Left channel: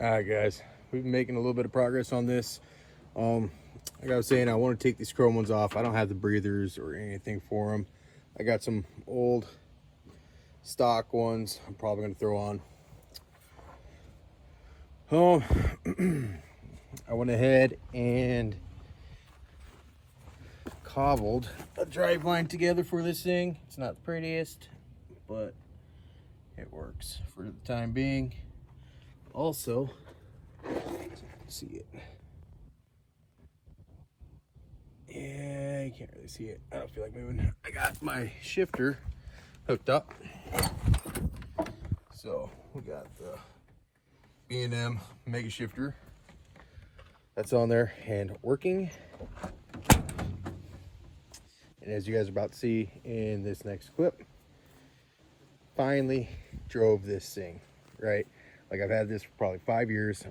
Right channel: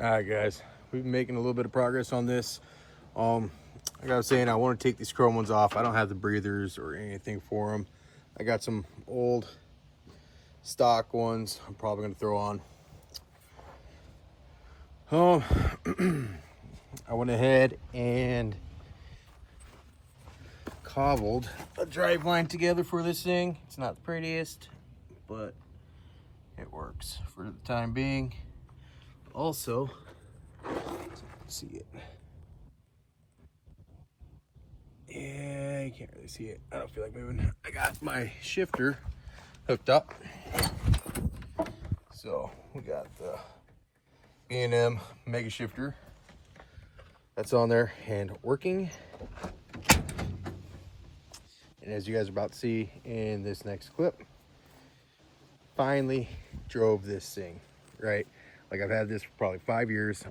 Alright guys, we've been making a little bit of progress on this. Like I was saying, I want to take these chrome ones off. I don't have the breathers or anything for them. I got some old stock ones I'm probably going to throw on. I went ahead and cobbled a drive line together for this thing. It's not the prettiest, but it works for the time being. Also, see it. Yeah, you can't really see it. I don't feel like moving. I got my shifter hooked up. So we got the B&M Mega Shifter. That's on there and working. And as you guys are about to see in this next clip, finally drove this thing, right? Like I've had this for probably 5 years.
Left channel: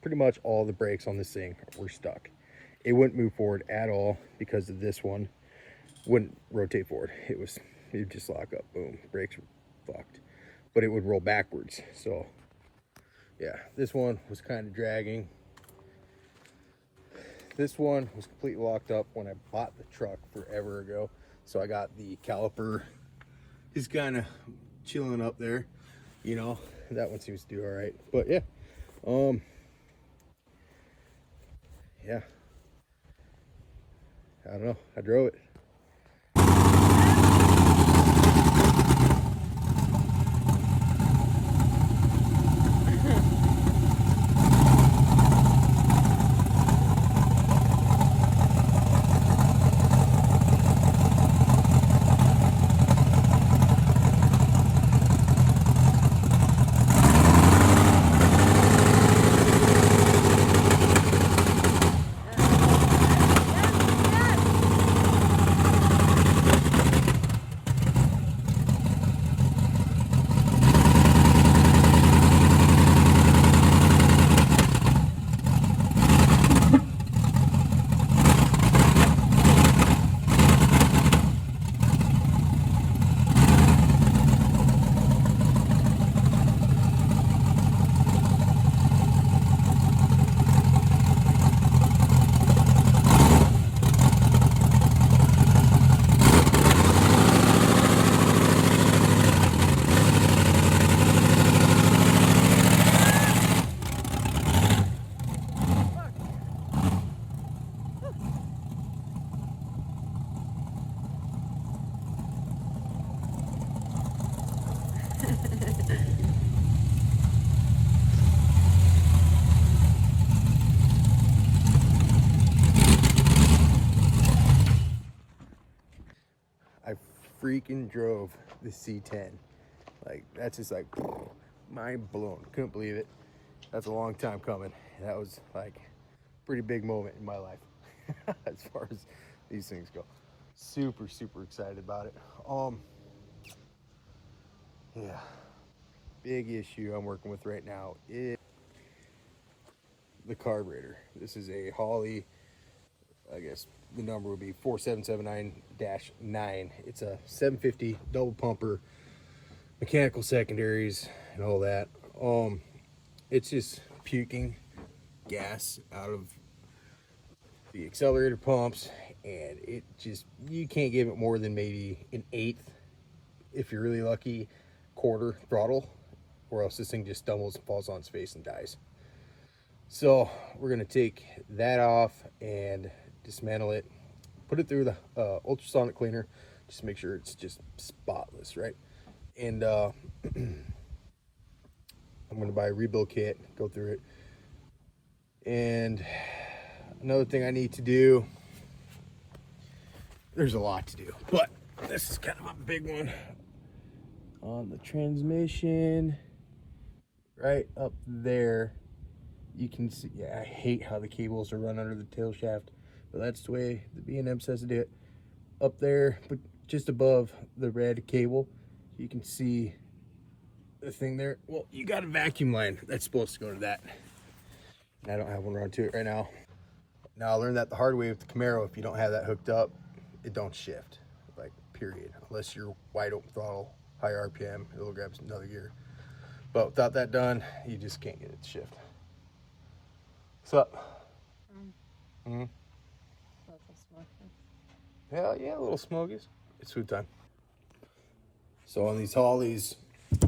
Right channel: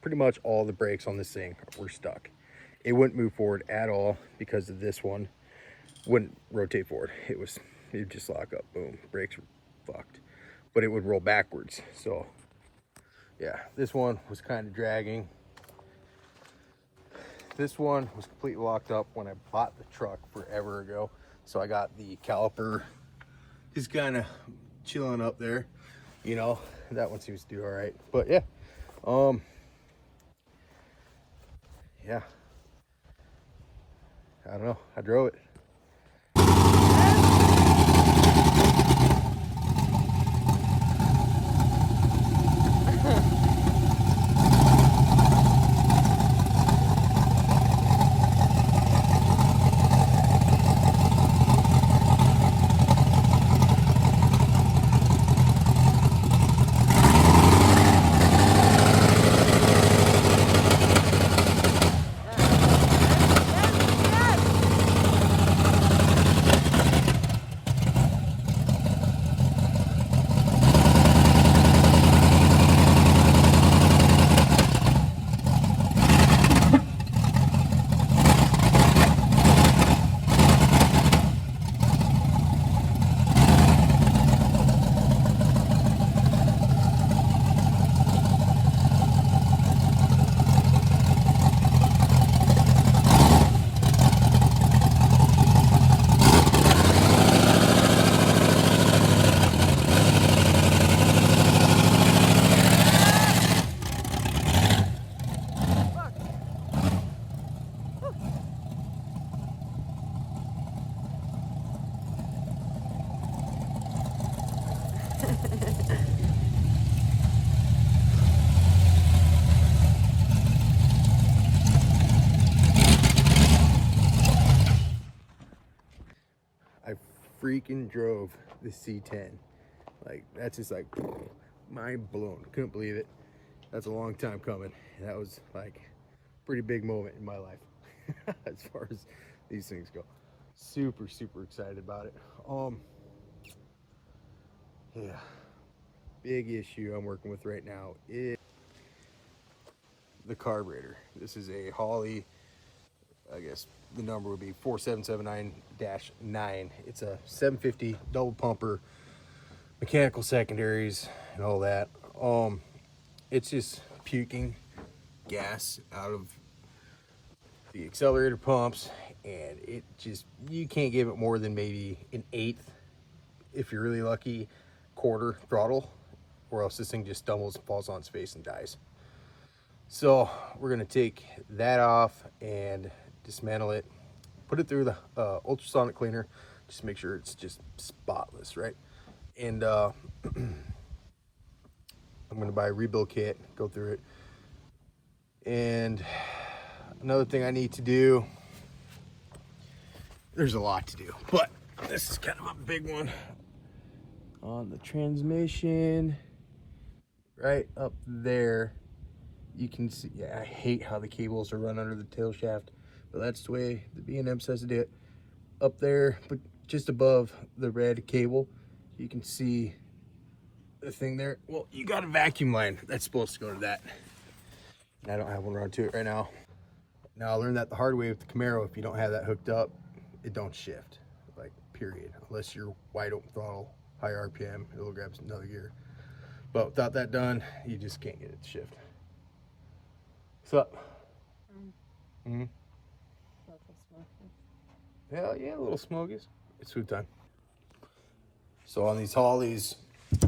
Pretty much all the brakes on this thing were stuck. It wouldn't move forward at all because of this one. Wouldn't rotate forward. It would just lock up. Boom. Brakes were fucked. But it would roll backwards. So yeah, this one was kind of dragging. This one was completely locked up when I bought the truck forever ago. So I got the caliper just kind of chilling up there, you know. That one seems to do all right. But yeah, yeah, I don't know, I drove it. I freaking drove the C10. Like, that's just like mind blown. Couldn't believe it. That's a long time coming. That was like a pretty big moment in my life as far as these things go. Super excited about it. Yeah, big issue I'm working with right now is the carburetor. This is a Holley, I guess the number would be 4779-9. It's a 750 double pumper, mechanical secondaries and all that. It's just puking gas out of the accelerator pumps, and it just, you can't give it more than maybe an eighth, if you're really lucky, quarter throttle, or else this thing just stumbles and falls on its face and dies. So we're gonna take that off and dismantle it, put it through the ultrasonic cleaner, just make sure it's just spotless, right? And I'm gonna buy a rebuild kit, go through it. And another thing I need to do, there's a lot to do, but this is kind of a big one. On the transmission, right up there, you can see, yeah, I hate how the cables are run under the tail shaft, but that's the way the B&M says to do it. Up there, but just above the red cable, you can see the thing there. Well, you got a vacuum line that's supposed to go to that. And I don't have one run to it right now. Now I learned that the hard way with the Camaro. If you don't have that hooked up, it don't shift, like period, unless you're wide open throttle, high RPM, it'll grab another gear. But without that done, you just can't get it to shift. What's up? Hell yeah, little smokies. It's food time. So on these Hollies,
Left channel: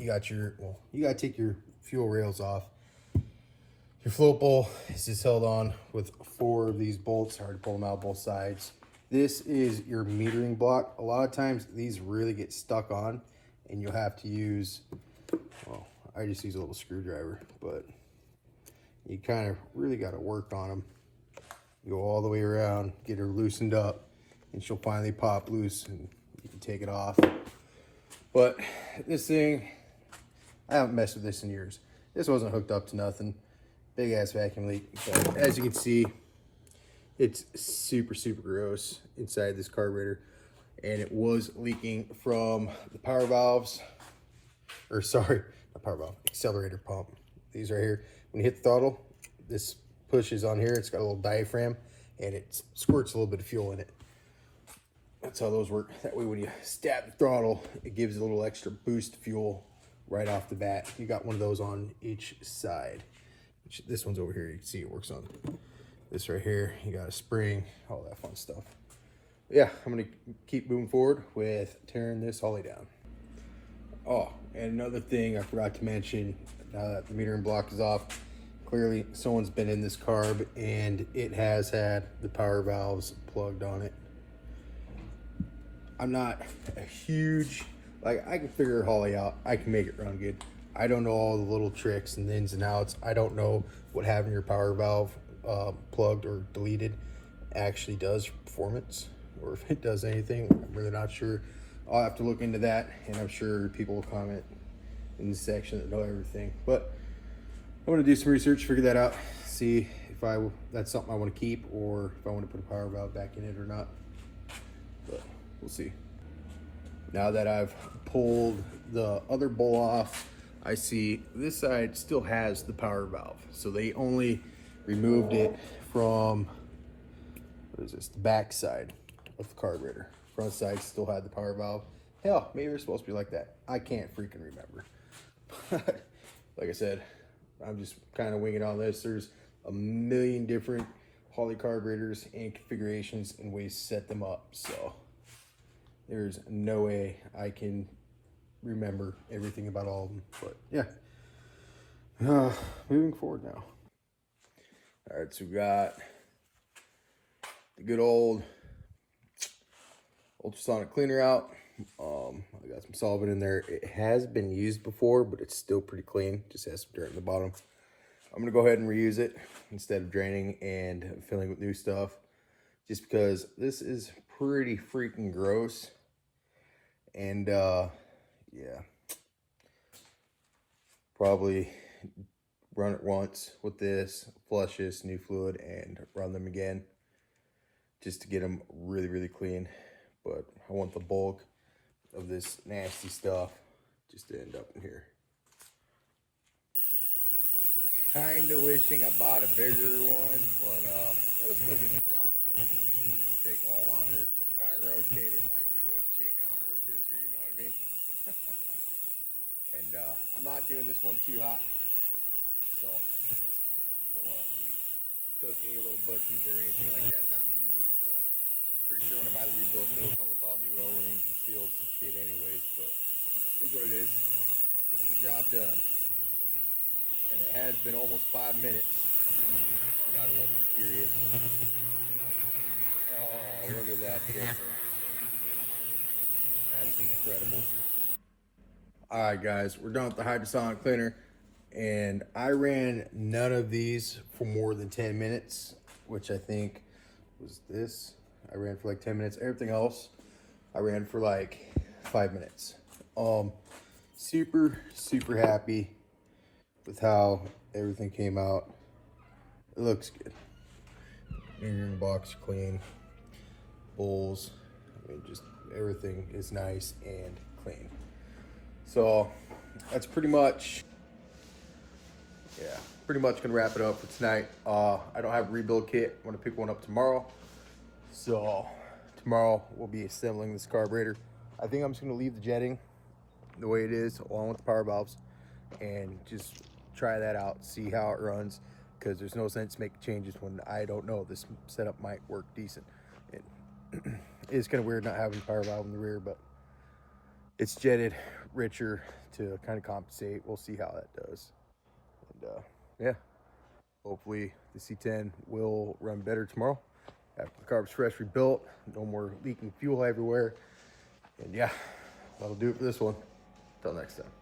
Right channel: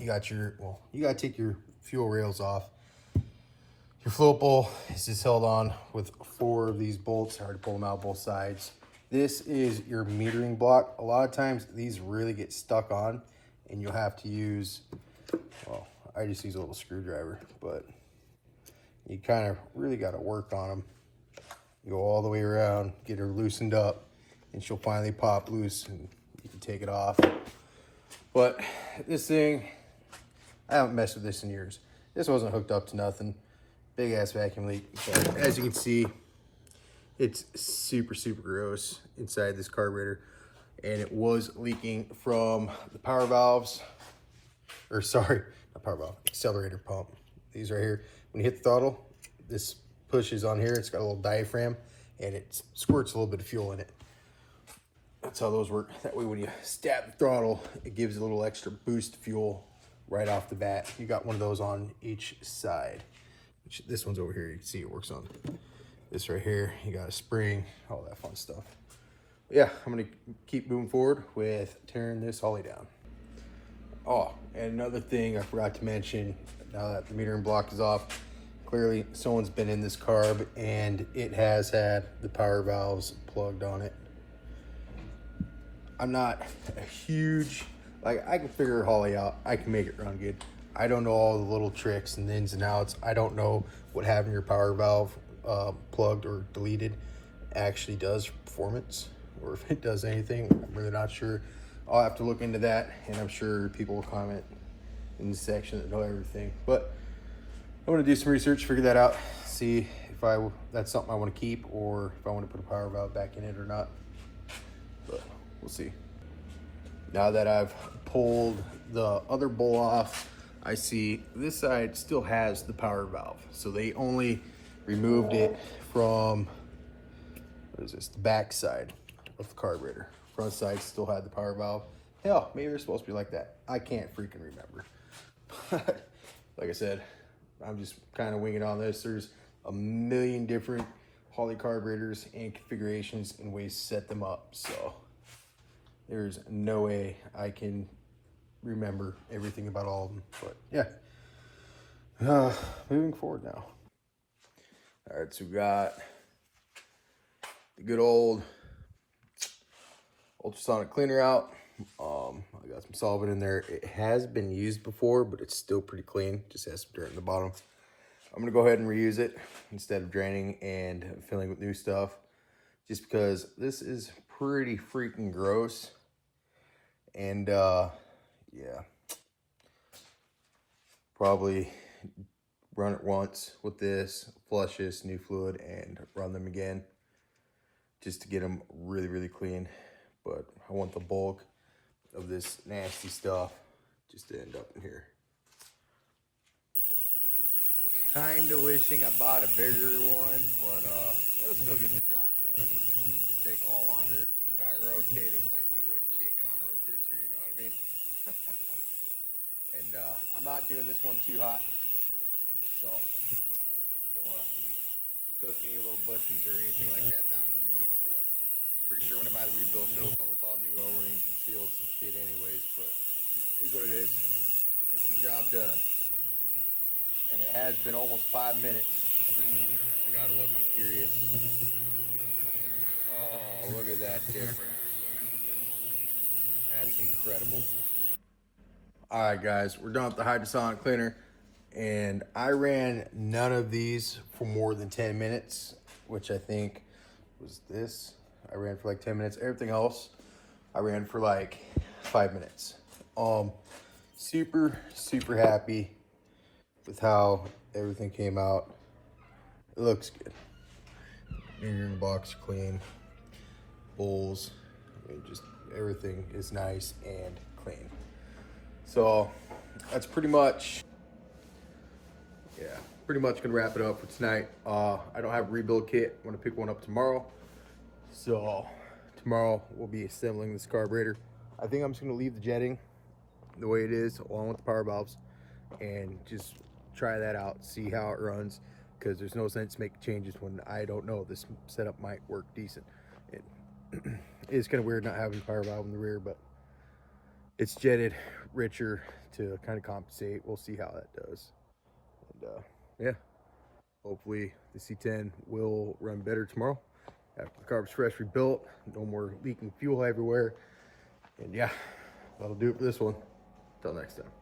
you got your, well, you got to take your fuel rails off. Your float bowl is just held on with 4 of these bolts. Hard to pull them out both sides. This is your metering block. A lot of times these really get stuck on and you'll have to use, well, I just use a little screwdriver, but you kind of really got to work on them. You go all the way around, get her loosened up, and she'll finally pop loose and you can take it off. But this thing, I haven't messed with this in years. This wasn't hooked up to nothing. Big ass vacuum leak. But as you can see, it's super, super gross inside this carburetor. And it was leaking from the power valves, or sorry, not power valve, accelerator pump. These right here. When you hit the throttle, this pushes on here. It's got a little diaphragm and it squirts a little bit of fuel in it. That's how those work. That way when you stab the throttle, it gives a little extra boost of fuel right off the bat. You got one of those on each side. This one's over here. You can see it works on this right here. You got a spring, all that fun stuff. But yeah, I'm gonna keep moving forward with tearing this Holly down. Oh, and another thing I forgot to mention, now that the metering block is off, clearly someone's been in this carb and it has had the power valves plugged on it. I'm not a huge, like, I can figure Holly out. I can make it run good. I don't know all the little tricks and ins and outs. I don't know what having your power valve plugged or deleted actually does for performance, or if it does anything. I'm really not sure. I'll have to look into that, and I'm sure people will comment in the section that know everything. But I'm gonna do some research, figure that out, see if that's something I want to keep or if I want to put a power valve back in it or not. But we'll see. Now that I've pulled the other bowl off, I see this side still has the power valve. So they only removed it from, what is this, the back side of the carburetor. Front side still had the power valve. Hell, maybe they're supposed to be like that. I can't freaking remember. But like I said, I'm just kind of winging on this. There's a million different Holly carburetors and configurations and ways to set them up. So there's no way I can remember everything about all of them. But yeah, moving forward now. All right, so we got the good old ultrasonic cleaner out. I got some solvent in there. It has been used before, but it's still pretty clean. Just has some dirt in the bottom. I'm gonna go ahead and reuse it instead of draining and filling with new stuff, just because this is pretty freaking gross. And yeah, probably run it once with this, flush this new fluid, and run them again just to get them really, really clean. But I want the bulk of this nasty stuff just to end up in here. Kinda wishing I bought a bigger one, but it'll still get the job done. Just take a little longer. Gotta rotate it like you would chicken on a rotisserie, you know what I mean? And I'm not doing this one too hot, so don't wanna cook any little bushings or anything like that I'm gonna need, but pretty sure when I buy the rebuild kit, it'll come with all new O-rings and seals and shit anyways, but here's what it is. Get the job done. And it has been almost 5 minutes. I gotta look, I'm curious. Oh, look at that difference. That's incredible. Alright guys, we're done with the hydrosonic cleaner. And I ran none of these for more than 10 minutes, which I think was this. I ran for like 10 minutes. Everything else, I ran for like 5 minutes. Super, super happy with how everything came out. It looks good. In the box, clean. Bowls, I mean, just everything is nice and clean. So that's pretty much, yeah, pretty much gonna wrap it up for tonight. I don't have a rebuild kit. I'm gonna pick one up tomorrow. So tomorrow we'll be assembling this carburetor. I think I'm just gonna leave the jetting the way it is along with the power valves and just try that out, see how it runs. because there's no sense making changes when I don't know this setup might work decent. It is kind of weird not having power valve in the rear, but it's jetted richer to kind of compensate. We'll see how that does. And yeah, hopefully the C10 will run better tomorrow after the carb's fresh rebuilt. No more leaking fuel everywhere. And yeah, that'll do it for this one. Until next time.